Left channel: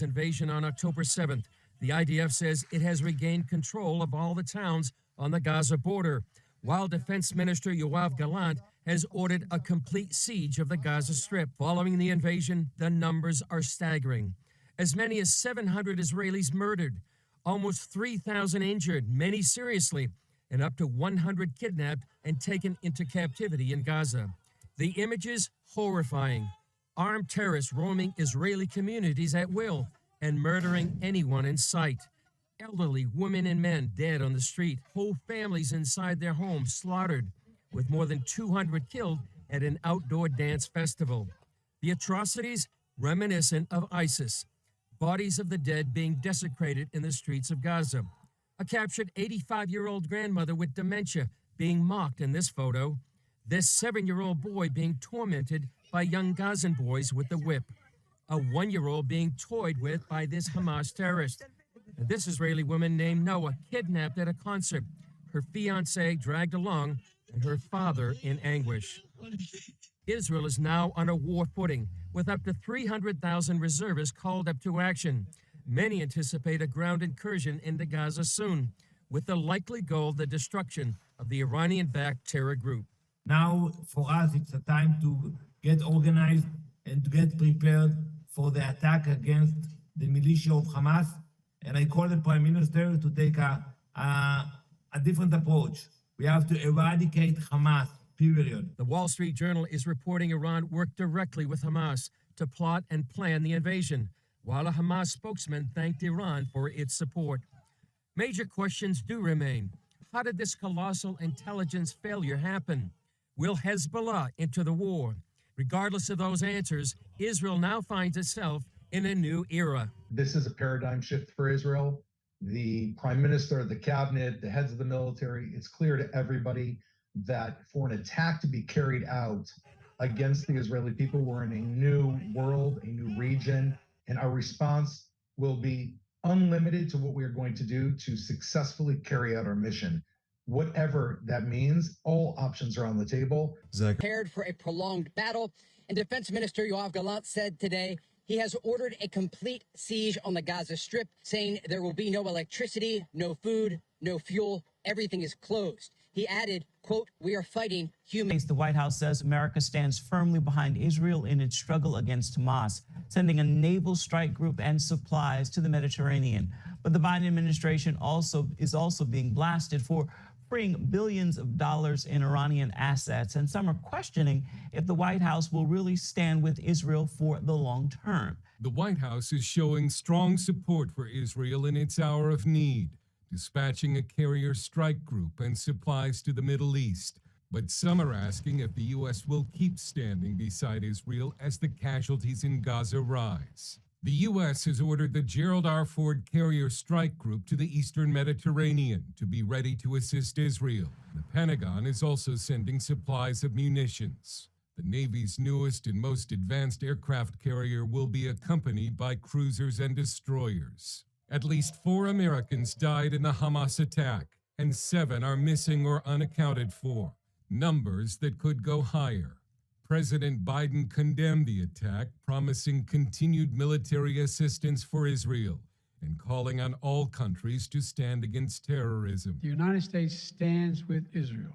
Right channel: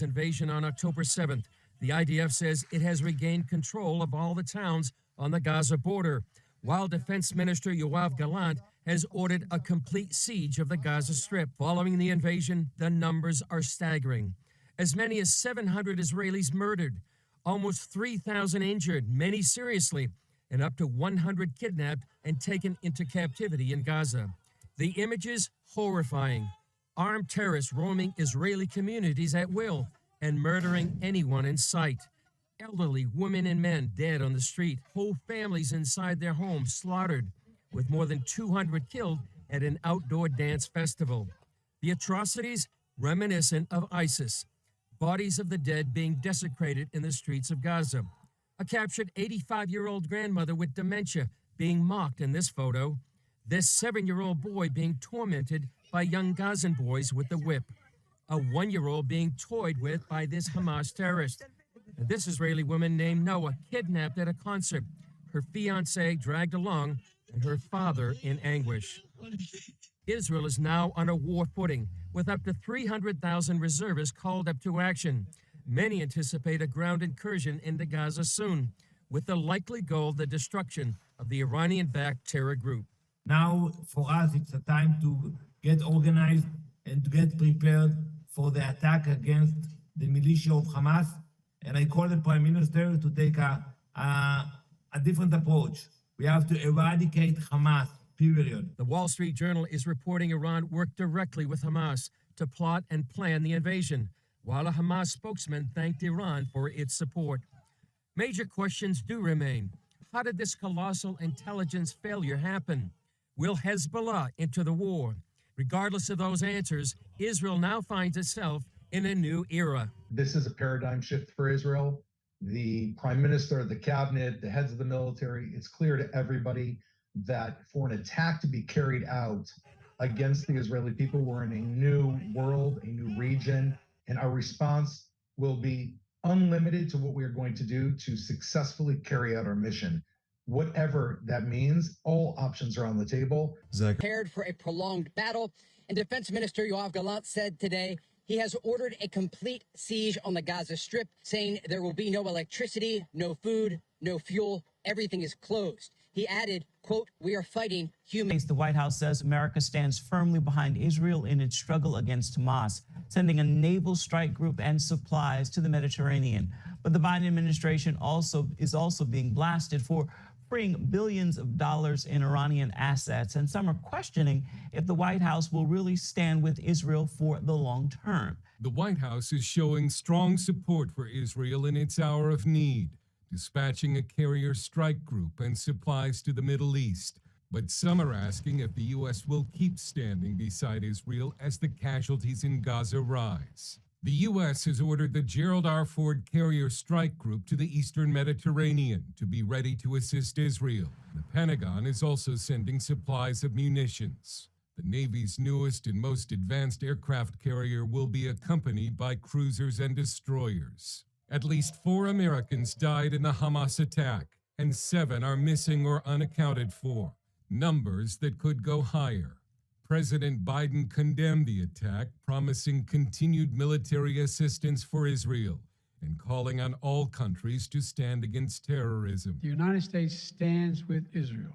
Invasion on October 7th. The IDF says it has regained control of all the towns on the Gaza border, while Defense Minister Yoav Gallant has ordered a complete siege of the Gaza Strip. Following the invasion, the numbers are staggering. As many as 700 Israelis murdered, almost 3,000 injured, many seriously, and up to 100 kidnapped and taken into captivity in Gaza. The images horrifying. Armed terrorists roaming Israeli communities at will and murdering anyone in sight. Elderly women and men dead on the street. Whole families inside their homes slaughtered, with more than 200 killed at an outdoor dance festival. The atrocities reminiscent of ISIS. Bodies of the dead being desecrated in the streets of Gaza. A captured 85-year-old grandmother with dementia being mocked in this photo. This 7-year-old boy being tormented by young Gazan boys with the whip. A 1-year-old being toyed with by this Hamas terrorist. And this Israeli woman named Noah kidnapped at a concert. Her fiancé dragged along and her father in anguish. Israel is now on a war footing with up to 300,000 reservists called up to action. Many anticipate a ground incursion into Gaza soon, with the likely goal the destruction of the Iranian-backed terror group. Now, for us, it's a time to get organized and to get prepared for the attack against the militia of Hamas. And I call the Prime Minister to take a different approach. We have to eradicate Hamas, period. The Wall Street Journal is reporting Iran worked directly with Hamas to plot and plan the invasion, while a Hamas spokesman thanked Iran for its support. Major questions do remain. How did this colossal intelligence failure happen? Will Hezbollah enter the war? Regardless of those answers, Israel now finds itself in a new era. This is a paradigm shift for Israel. The prime minister, the cabinet, the heads of the military, it's clear to everybody that for an attack to be carried out against the Israeli people, we're in a new world, a new region, and our response will be unlimited to what we are going to do to successfully carry out our mission. Whatever that means, all options are on the table. Prepared for a prolonged battle, and Defense Minister Yoav Gallant said today he has ordered a complete siege on the Gaza Strip, saying there will be no electricity, no food, no fuel, everything is closed. He added, quote, "We are fighting humans." The White House says America stands firmly behind Israel in its struggle against Hamas, sending a naval strike group and supplies to the Mediterranean. But the Biden administration is also being blasted for freeing billions of dollars in Iranian assets, and some are questioning if the White House will really stand with Israel for the long term. The White House is showing strong support for Israel in its hour of need, dispatching a carrier strike group and supplies to the Middle East. But some are asking if the U.S. will keep standing beside Israel as the casualties in Gaza rise. The U.S. has ordered the Gerald R. Ford Carrier Strike Group to the eastern Mediterranean to be ready to assist Israel. The Pentagon is also sending supplies of munitions. The Navy's newest and most advanced aircraft carrier will be accompanied by cruisers and destroyers. At least 4 Americans died in the Hamas attack, and 7 are missing or unaccounted for, numbers that could go higher. President Biden condemned the attack, promising continued military assistance for Israel and calling on all countries to stand against terrorism. The United States stands with Israel.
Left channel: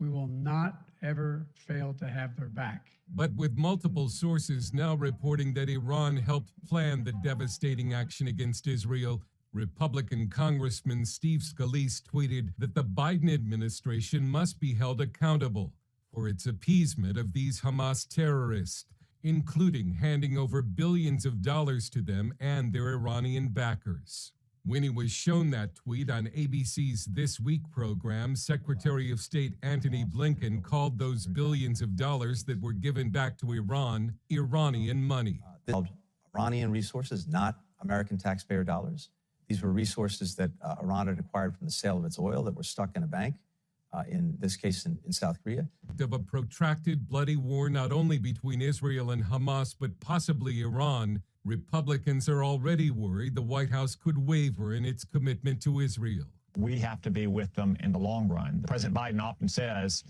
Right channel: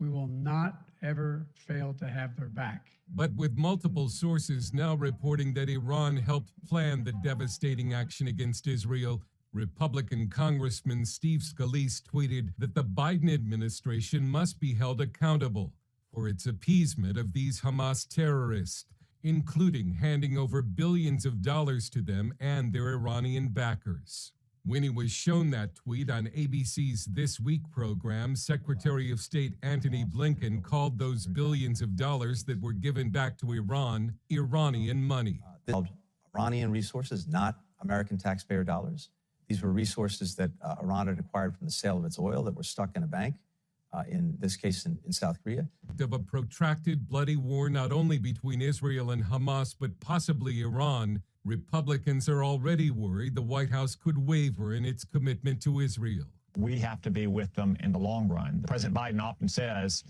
We will not ever fail to have their back. But with multiple sources now reporting that Iran helped plan the devastating action against Israel, Republican Congressman Steve Scalise tweeted that the Biden administration must be held accountable for its appeasement of these Hamas terrorists, including handing over billions of dollars to them and their Iranian backers. When he was shown that tweet on ABC's This Week program, Secretary of State Antony Blinken called those billions of dollars that were given back to Iran Iranian money. Iranian resources, not American taxpayer dollars. These were resources that Iran had acquired from the sale of its oil that were stuck in a bank, in this case in South Korea. Of a protracted bloody war not only between Israel and Hamas, but possibly Iran, Republicans are already worried the White House could waver in its commitment to Israel. We have to be with them in the long run. President Biden often says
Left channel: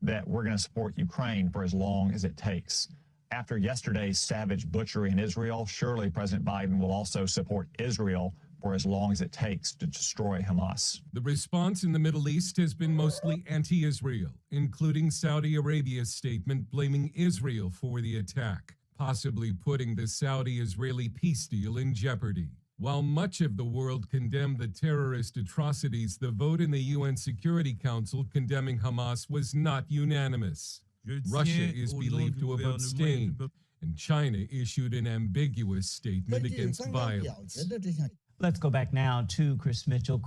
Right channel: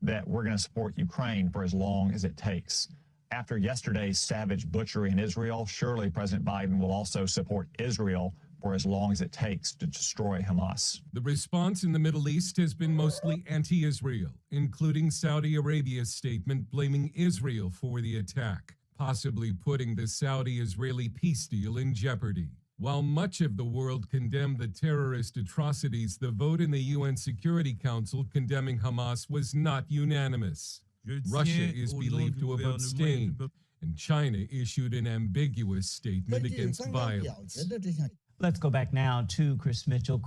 that we're going to support Ukraine for as long as it takes. After yesterday's savage butchery in Israel, surely President Biden will also support Israel for as long as it takes to destroy Hamas. The response in the Middle East has been mostly anti-Israel, including Saudi Arabia's statement blaming Israel for the attack, possibly putting the Saudi-Israeli peace deal in jeopardy. While much of the world condemned the terrorist atrocities, the vote in the UN Security Council condemning Hamas was not unanimous. Russia is believed to have abstained, and China issued an ambiguous statement against violence. Let's go back now to Chris Mitchell.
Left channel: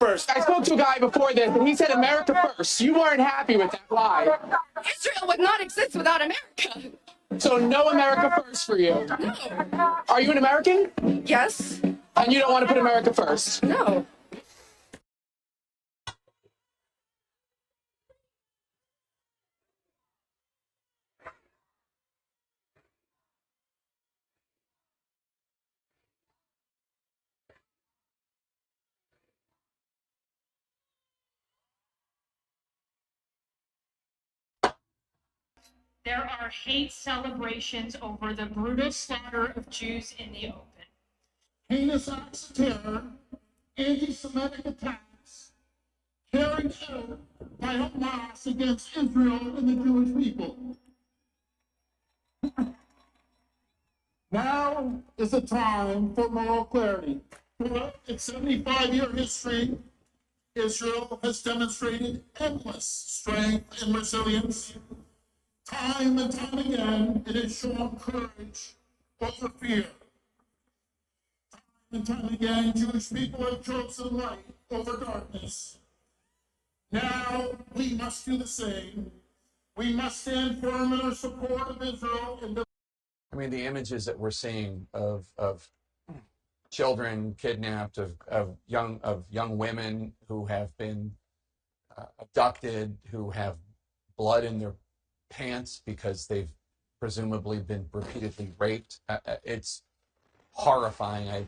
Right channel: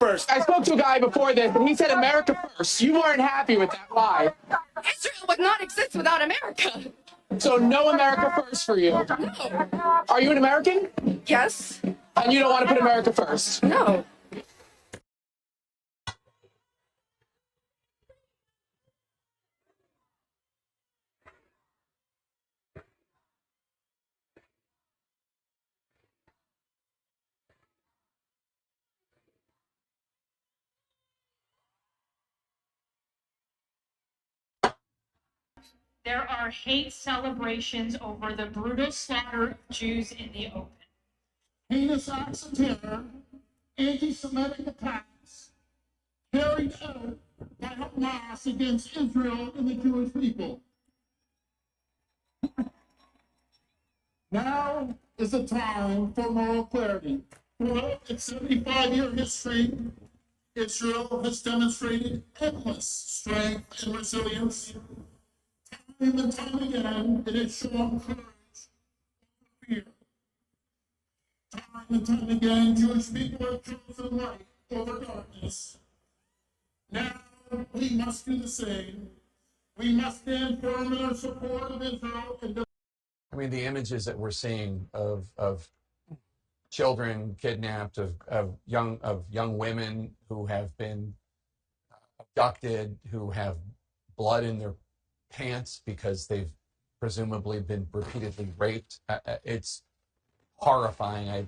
First. I spoke to a guy before this, and he said America first. You weren't happy with that. Why? Israel would not exist without America. So no America first for you? No. Are you an American? Yes. And you don't want to put America first? No. There are hate celebrations over the brutal slaughter of Jews in the open. Heinous acts of terror, anti-Semitic attacks carried out by Hamas against Israel and the Jewish people. Now is the time for moral clarity. Throughout its 75-year history, Israel has demonstrated endless strength and resilience. Time and time again, it has shown courage over fear. Time and time again, Jewish people have chosen light over darkness. Now, we must do the same. We must stand firm in our support of Israel. I mean, the images that we're seeing of children kidnapped, of young women who have been abducted, who have blood in their pants because they've presumably been repeatedly raped. It's horrifying.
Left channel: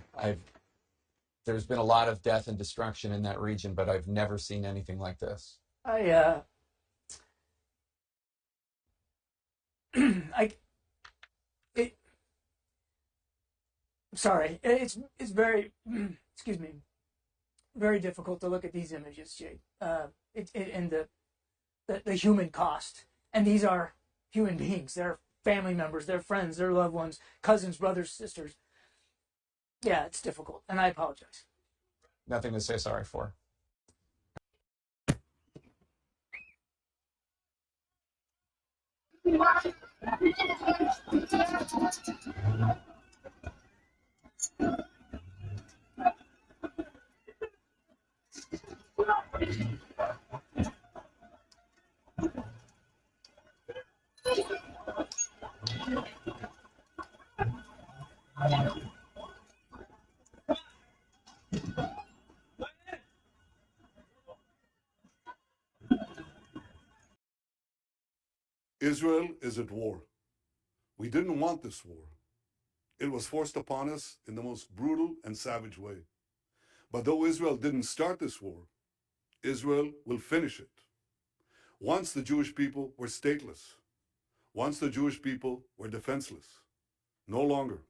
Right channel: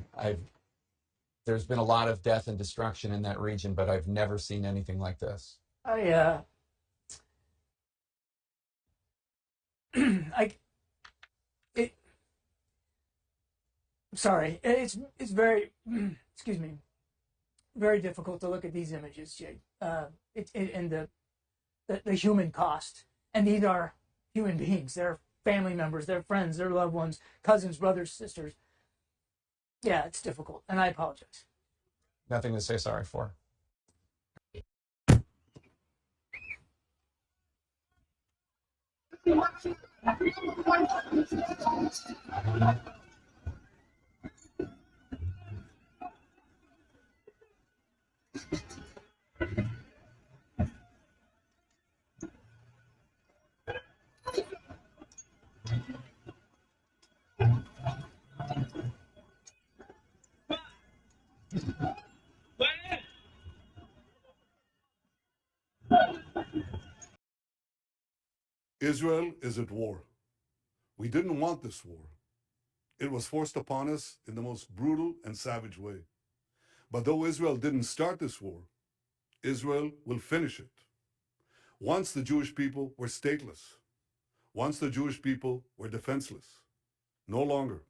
There's been a lot of death and destruction in that region, but I've never seen anything like this. Sorry, it's very, excuse me, very difficult to look at these images, Jay. And the human cost. And these are human beings, their family members, their friends, their loved ones, cousins, brothers, sisters. Yeah, it's difficult, and I apologize. Nothing to say sorry for. Israel is at war. We didn't want this war. It was forced upon us in the most brutal and savage way. But though Israel didn't start this war, Israel will finish it. Once the Jewish people were stateless. Once the Jewish people were defenseless. No longer.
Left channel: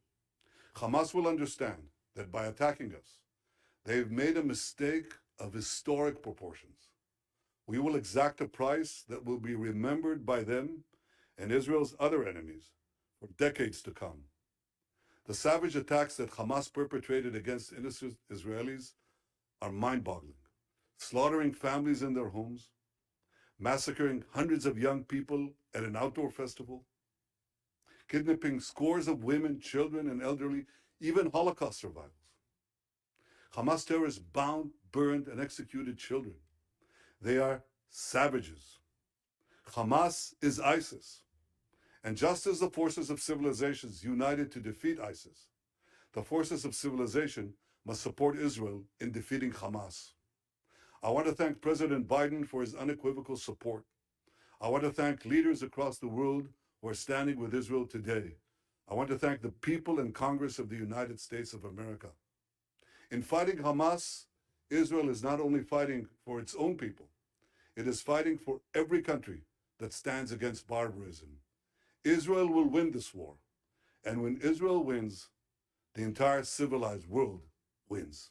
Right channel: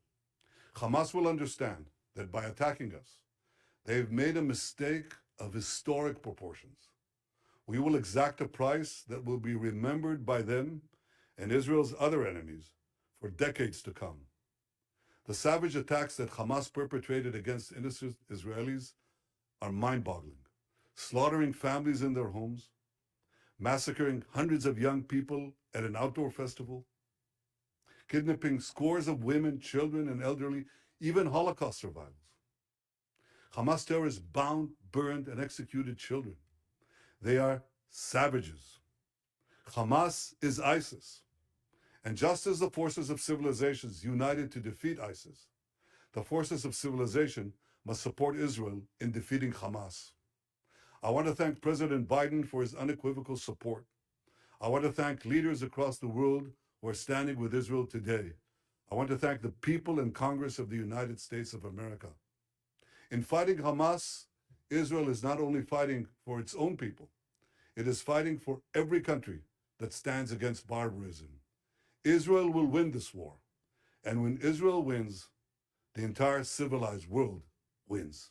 Hamas will understand that by attacking us, they've made a mistake of historic proportions. We will exact a price that will be remembered by them and Israel's other enemies for decades to come. The savage attacks that Hamas perpetrated against innocent Israelis are mind-boggling, slaughtering families in their homes, massacring hundreds of young people at an outdoor festival, kidnapping scores of women, children, and elderly, even Holocaust survivors. Hamas terrorists bound, burned, and executed children. They are savages. Hamas is ISIS. And just as the forces of civilizations united to defeat ISIS, the forces of civilization must support Israel in defeating Hamas. I want to thank President Biden for his unequivocal support. I want to thank leaders across the world who are standing with Israel today. I want to thank the people and Congress of the United States of America. In fighting Hamas, Israel is not only fighting for its own people, it is fighting for every country that stands against barbarism. Israel will win this war. And when Israel wins, the entire civilized world wins.